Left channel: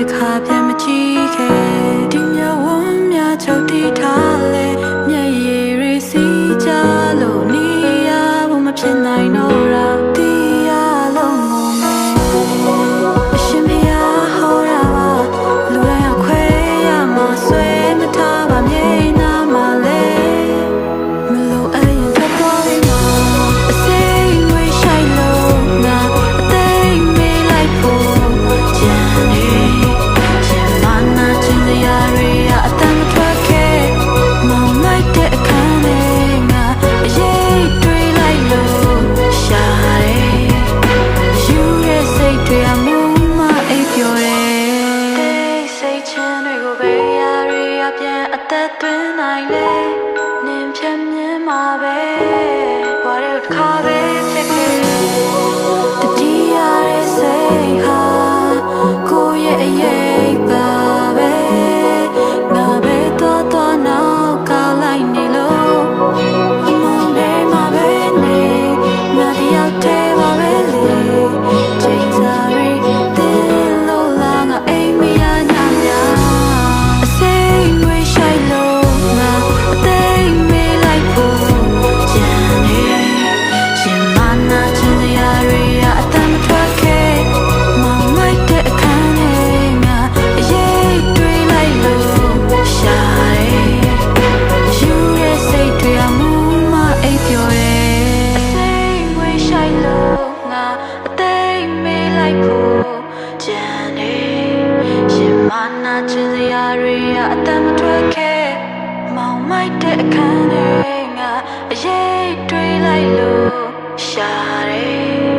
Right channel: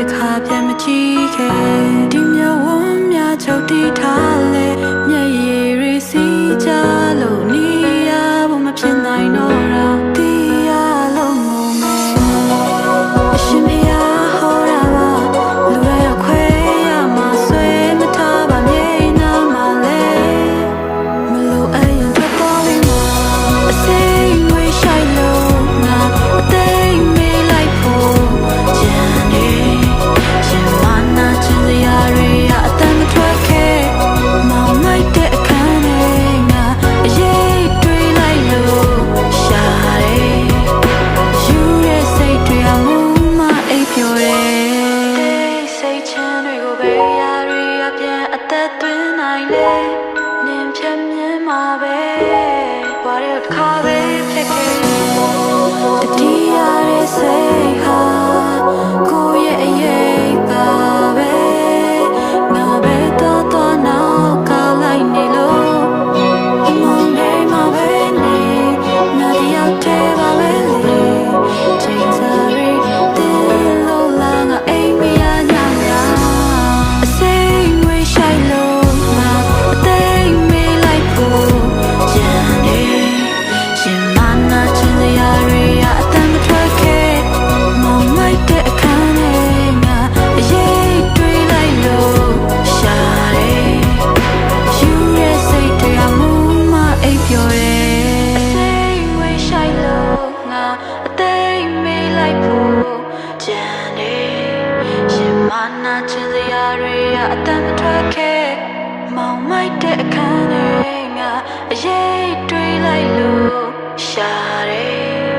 တခါပြန်မကြည့်ခဲ့ဒီမြဝန်းများချုပ်တီးထားလဲမျက်ရည်တွေစီးကြလို့နေရဖို့မဖြစ်နိုင်တော့တာတီးရလို့ငုံမယ်အရှင်ဖေဟာဟောတာပါလူတိုင်းအခွဲရမှာဆွဲမထားပါမြေနာမှာလဲမလို့အရင်ထွက်သွားပြီမှာအစိမ်ငွေရှိုက်လို့ငါအသိမေးလိုက်ဖို့ကြံနေရှင်မနာချင်စရာတွေအတမ်းမထွက်ခဲ့မောင်မိုက်တဲ့အခန်းထဲငါအရေးတွေးလိုက်လို့ရှာတယ်ယူတဲ့စိတ်တွေအမှုမအိပ်ပျော်တယ်စိတ်ချမ်းတွေကိုပဲရာတွေပြန်အသက်သွင်းနိုင်လေနင်ဖြတ်မြင်မှာပဲဘာလို့တစ်ခါပဲဖြစ်ခဲ့တတိယရဲ့စိတ်ဟာကိုယ့်ရဲ့အရေးပါပဲငါပဲတော့နောက်ကောက်လိုက်နေလို့အမောင်လေးမှာပဲနေငါတယောက်တည်းပါပဲလေချိန်စားရီတင်းလို့လာငါအိမ်မရညများအစိမ်ငွေရှိုက်လို့ငါအသိမေးလိုက်ဖို့ကြံနေရှင်မနာချင်စရာတွေအတမ်းမထွက်ခဲ့မောင်မိုက်တဲ့အခန်းထဲငါအရေးတွေးလိုက်လို့ရှာတယ်ယူတဲ့စိတ်တွေအမှုမအိပ်ပျော်တယ်အစိမ်ငွေရှိုက်လို့ငါအသိမေးလိုက်ဖို့ကြံနေရှင်မနာချင်စရာတွေအတမ်းမထွက်ခဲ့မောင်မိုက်တဲ့အခန်းထဲငါအရေးတွေးလိုက်လို့ရှာတယ်